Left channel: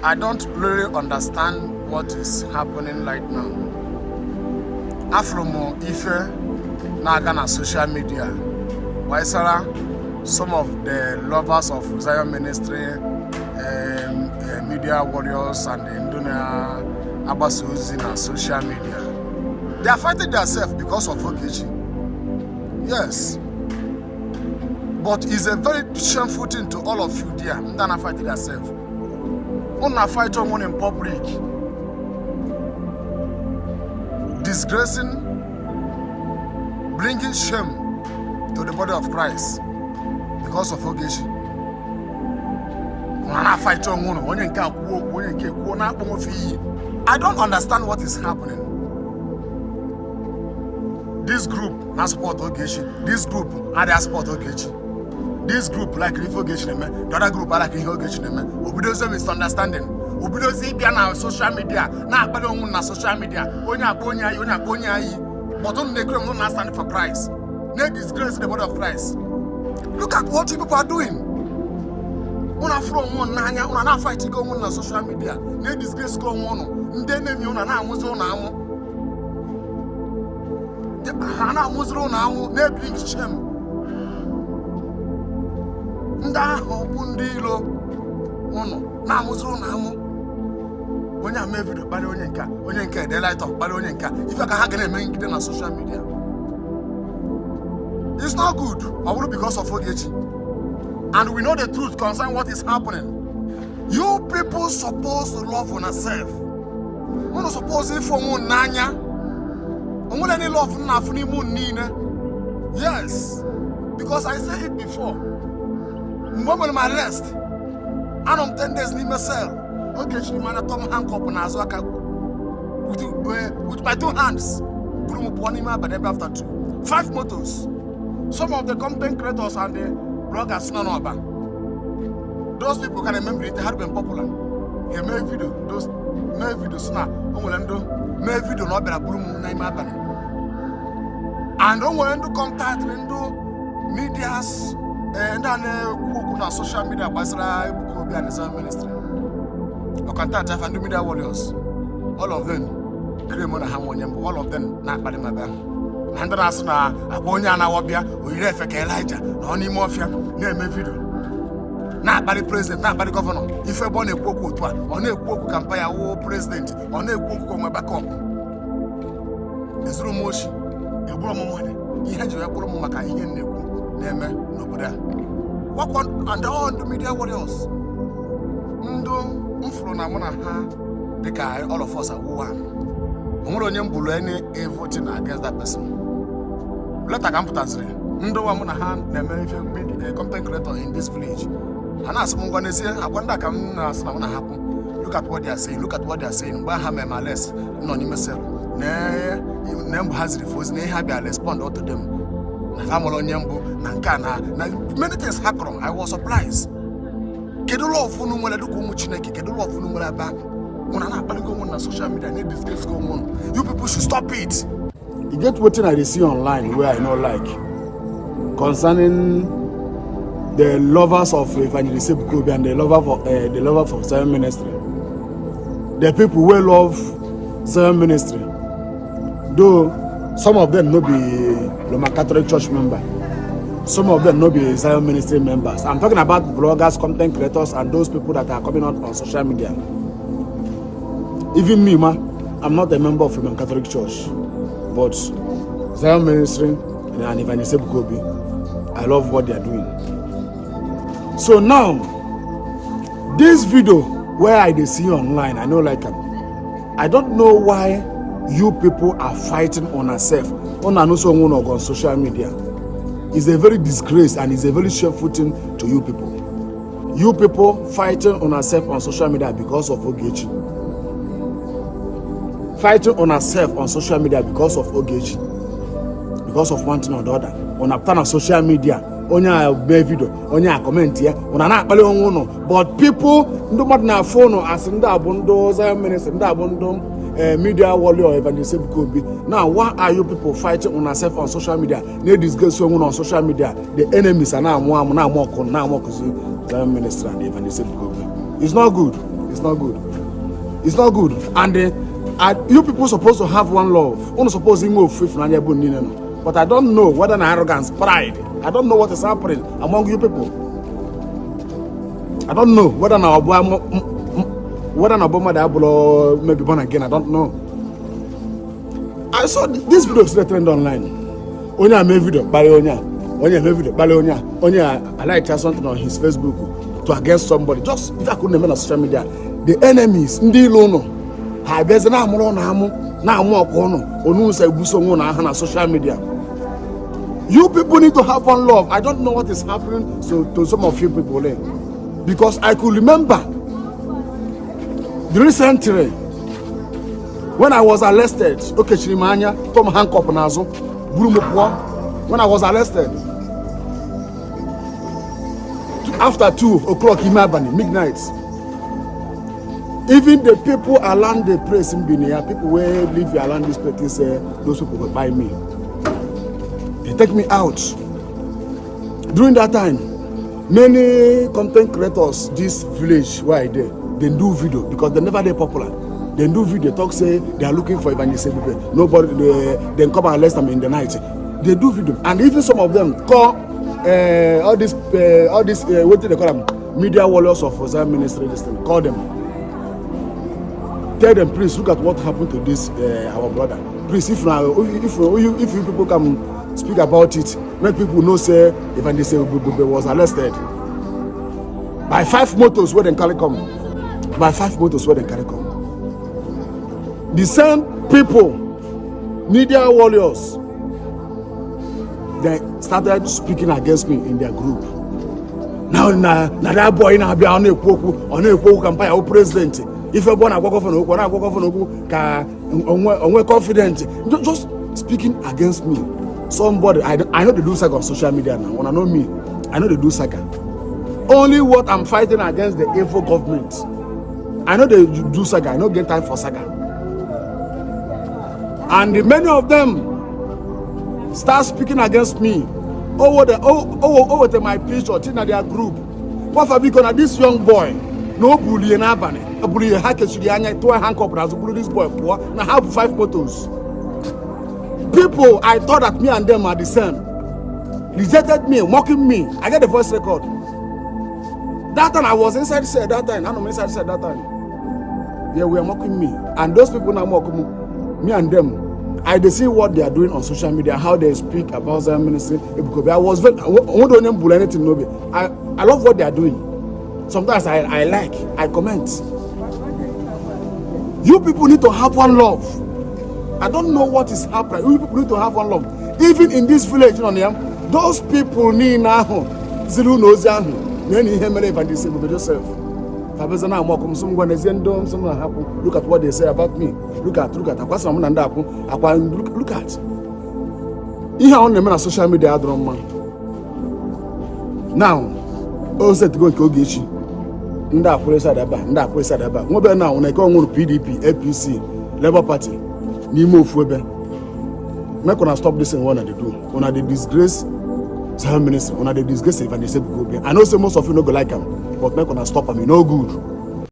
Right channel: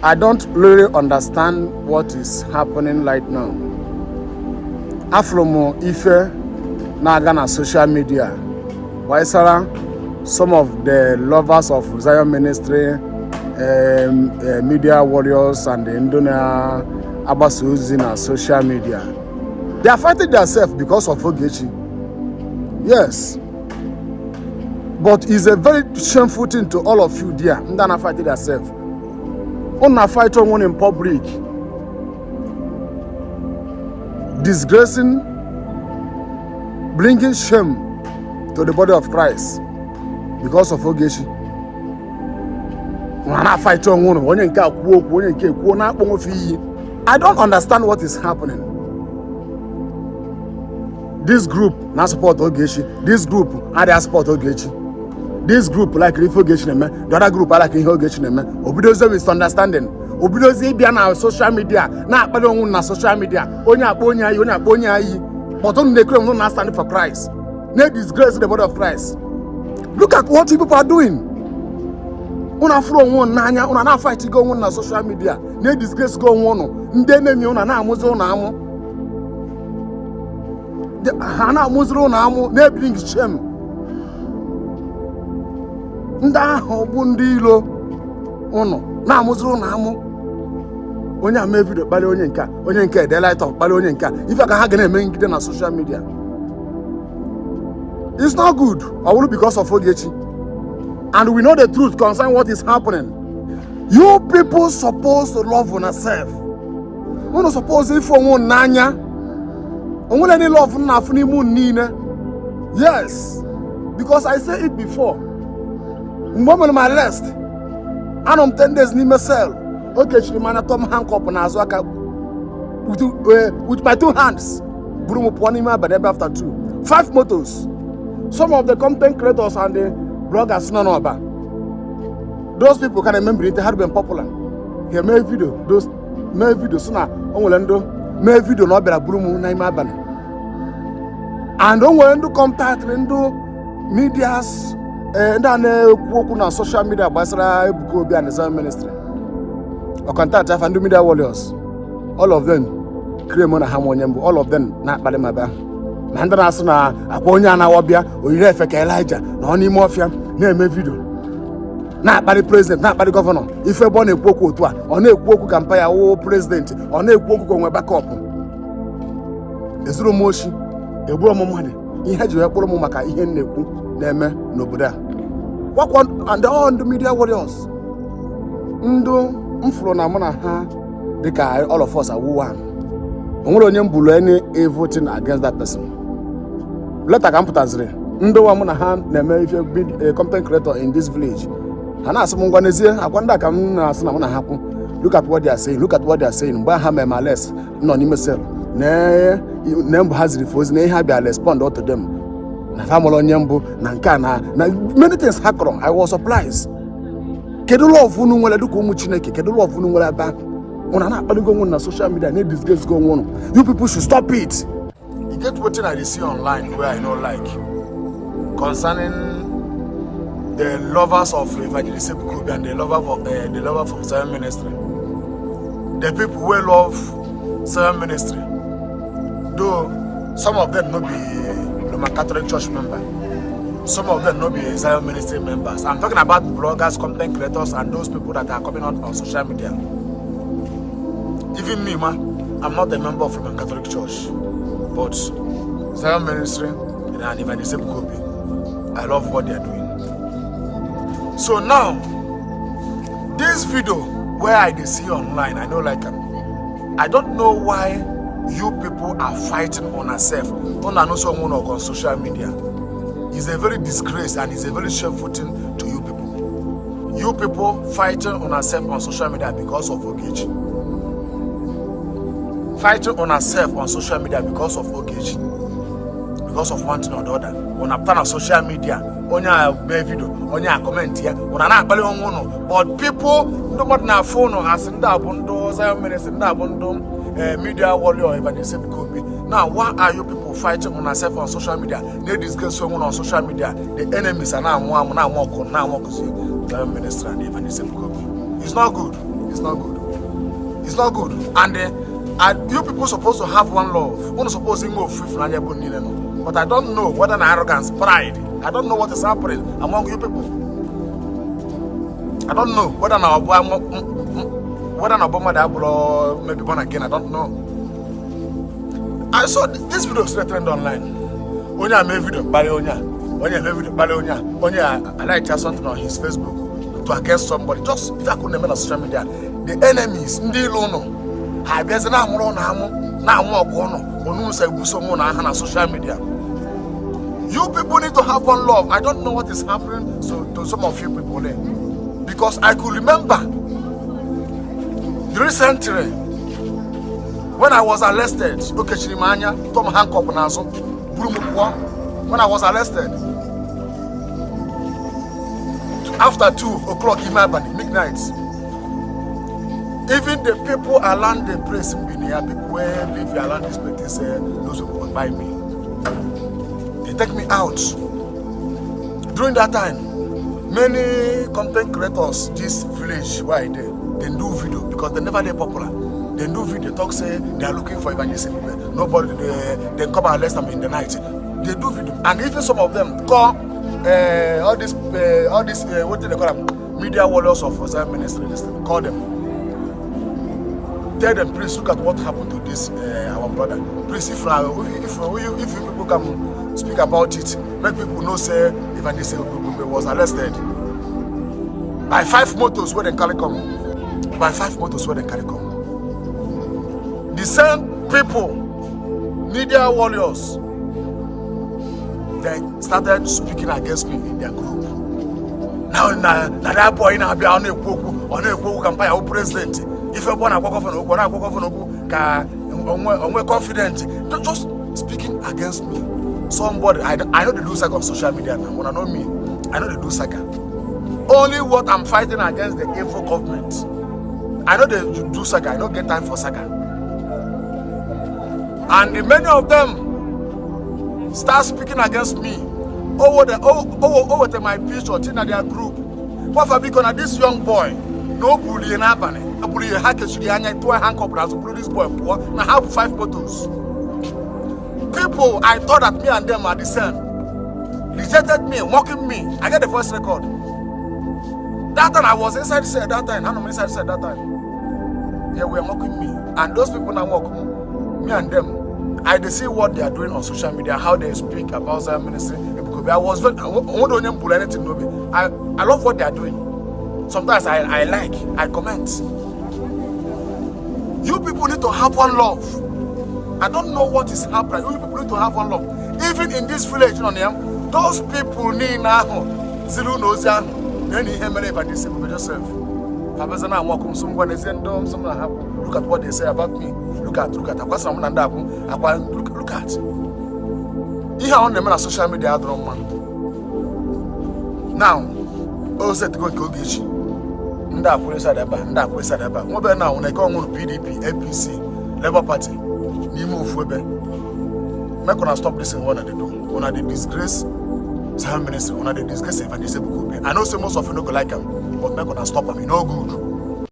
I don't really understand what is happening right now. Afromo Ife na-aga na social media. Waisara, some of the lovers of Zion Ministry, media warriors and the Indonesia Abasuzi na social media. They are fighting themselves because of Ogechi. Yes. But it's a very shameful thing to all of you there. Ndana fighting themselves. Una fight one in public. Disgracing, bringing shame to the body of Christ because of Ogechi. I don't understand what is happening. This group now support Ogechi. This group are they support Ogechi. This group like Rifo Ogechi, the other group are like Ogechi. Obidoze misunderstanding. Obidoze be on social media. Na akpado na social media. Onya ayi. But on the group not standing for Christ. They disgrace the body of Christ. Look at what people are doing. Una flow one nanya, una na fight go on na social media. They disgrace go on. Nde name una na amuzo na amu. Hana amuzo na amu. They bring shame. Nda hobu ndilo uno na amuzo na amu. Onye ame video bale onye nka the light of bale onye nka. If I can have na ngide na social media. It's not good. All because of Ogechi. And we know the truth concerning what is happening. You people supposed to love on yourself. We're not supposed to for one nanya. Only any love na funi nine. Yes. Because I said it before. Moment my rest. And I'm 10 days ni myself. Okay, she man Tom handcuff na azwaka with my 2 hands. Buru mo poni ma bad after 2. 5 motos. Some of the content creators and the bloggers no about. Those people can remember it, they had been popular. He made video, those made videos na onwelendo, made video no bela bulumu na ima bana. And onwelendo contact endo medias ndane kuoku na social media basara ebuko obi and Zion Ministry. Or contact and do media warriors. All of them create money harmonium, all of them na bale maba. Nandana asuna akwonya na wobia oyire efeke Elijah na oni mafia na eme video na akpari president na akpari governor ife bo na ekwu okwu otu a ọ na-ekwu okwu campaign wo president ọ na-ekwu okwu onwe backup ezuru moshi ebu omumade ihe ji ekporo mu maka ihe na-ekwu na-eme n'obodo a wakwa and all the media warriors ndu mfuro na mụ na ha dịka all of us are one onwere onye mbulu any voting against that person. Later ka mputazire ndo wa mụ na ha na-eme ife big content creator in this village. Ha na asị m ngwa n'ezie akwa ndị aka m na-asị na mụ na ha kwu. Look at what they are saying. Look at what they are saying. Mgbe ha mee ma less nọ n'ime cell. Na mbụ ha ziri fozi na ihe ha bịa respond to them. Na ha mụrụ onye mbụ na nke na many things ha kọrọ. I was surprised. Kedu love unu nwere dịka ụmụ Chineke? Kedu love unu nwere ebe ahụ? Una na akpali go on na social media na disgrace go on. You people should stop it. You get what I see online where I know like concerning the lovers of Evangelist Bukobi and the lover for Zion Ministry. The people who love Zion Ministry, though some of them no be Roman Catholic Church member, some of them no be Zion Ministry members. I'm talking about bloggers, content creators, and those people that are coming out on social media. Even me, I'm not a member of Roman Catholic Church, but Zion Ministry and Evangelist Bukobi, I love what they are doing. So now, this video where I see online, I know like I don't know why you people are fighting on yourself on social media. It's a very disgrace and it's a very shameful thing to you people. You people fighting on yourself on social media because of Ogechi. Fighting on herself on social media because of Ogechi, because of one thing or the other. On a plan of social media, on your video, on your comment here, on an apple on but people do not na phone as in that bundo, Zion Ministry, that bundo, media warrior, Evangelist Bukobi. Now, why are you people fighting on yourself on social media? They disgrace someone on social media. The enemies are now more Zion Ministry and Evangelist Bukobi. It's not good. It's not good. It's not good. And you people supposed to have one love. You're supposed to move free from but I don't know whether an arrogance, pride. I don't know what is happening among you people. I don't know whether an Obama maybe born again. I don't know. I saw this video trend online. Onya made video, Onya made video, Onya I like something on his Facebook to against somebody. Just if I couldn't remember on social media, the enemies, Ndilono, I bet na more on social media. You people need to have one love. I don't know what is happening to some of you people there. Because I could remember recently when I was arrested, okay, Chirimanya, Tom Hancock Nazo, when I was arrested after 2 o'clock in midnight. Even the people around the place in Binia, people who live around this place, say those people will buy me. They take me out. During that time, many content creators, this village where I did, they do video because they never they popular. They do video, talk say they are looking for evangelism. Nobody they come and arrest them in the night. They do video, and even some of them call all this what do they call them? Media warriors of Zion Ministry. Call them. Tell them, please look at what happened to this our brother. Please, if you people come speak about it, make people know say evangelism was arrested by 5 motos where they carry come. By 5 motos where they carry come. The same people, media warriors, they started speaking against me in their group. Now that boy now be on a campaign president. If you want to go confident, just speaking against me. Somebody, I know they do saga on social media now. When I know me, I know they do saga. Only what I'm fighting against the evil government. I know they do saga. I don't get time for saga. And many of them start speaking against me over my page or in their group. What for because this young boy, no bully in Abane, a bully hacker should be handcuffed as a bully this boy poor. I have 5 photos. People, I thought that me and them are the same. Rejected me, mocking me. I get the voice record. That time I was inside cell that time. I'm inside cell that time. They were mocking me. And those people now mocking me and them. I see what they are doing on social media, how they speak about Zion Ministry. Because I was very, I love what they are doing. Sometimes I like, I comment. You people need to have one love. I don't know what is happening. You people need to have one love. Even in this village, you know, those people need now. Zilu knows many evangelism with yourself. Look at what they say about me. Look at. Look at. You have on the social media. Now, all said to go to Ogechi. Nda Sadaba. Mobile now, when I go on PDP, APC, Labour Party. Nimo Fuebe. I'm gonna stop this in one of the do. When they disgrace Zion Ministry, when they disgrace evangelism. I know say most of you don't go like them, but I'm gonna stop them. No good.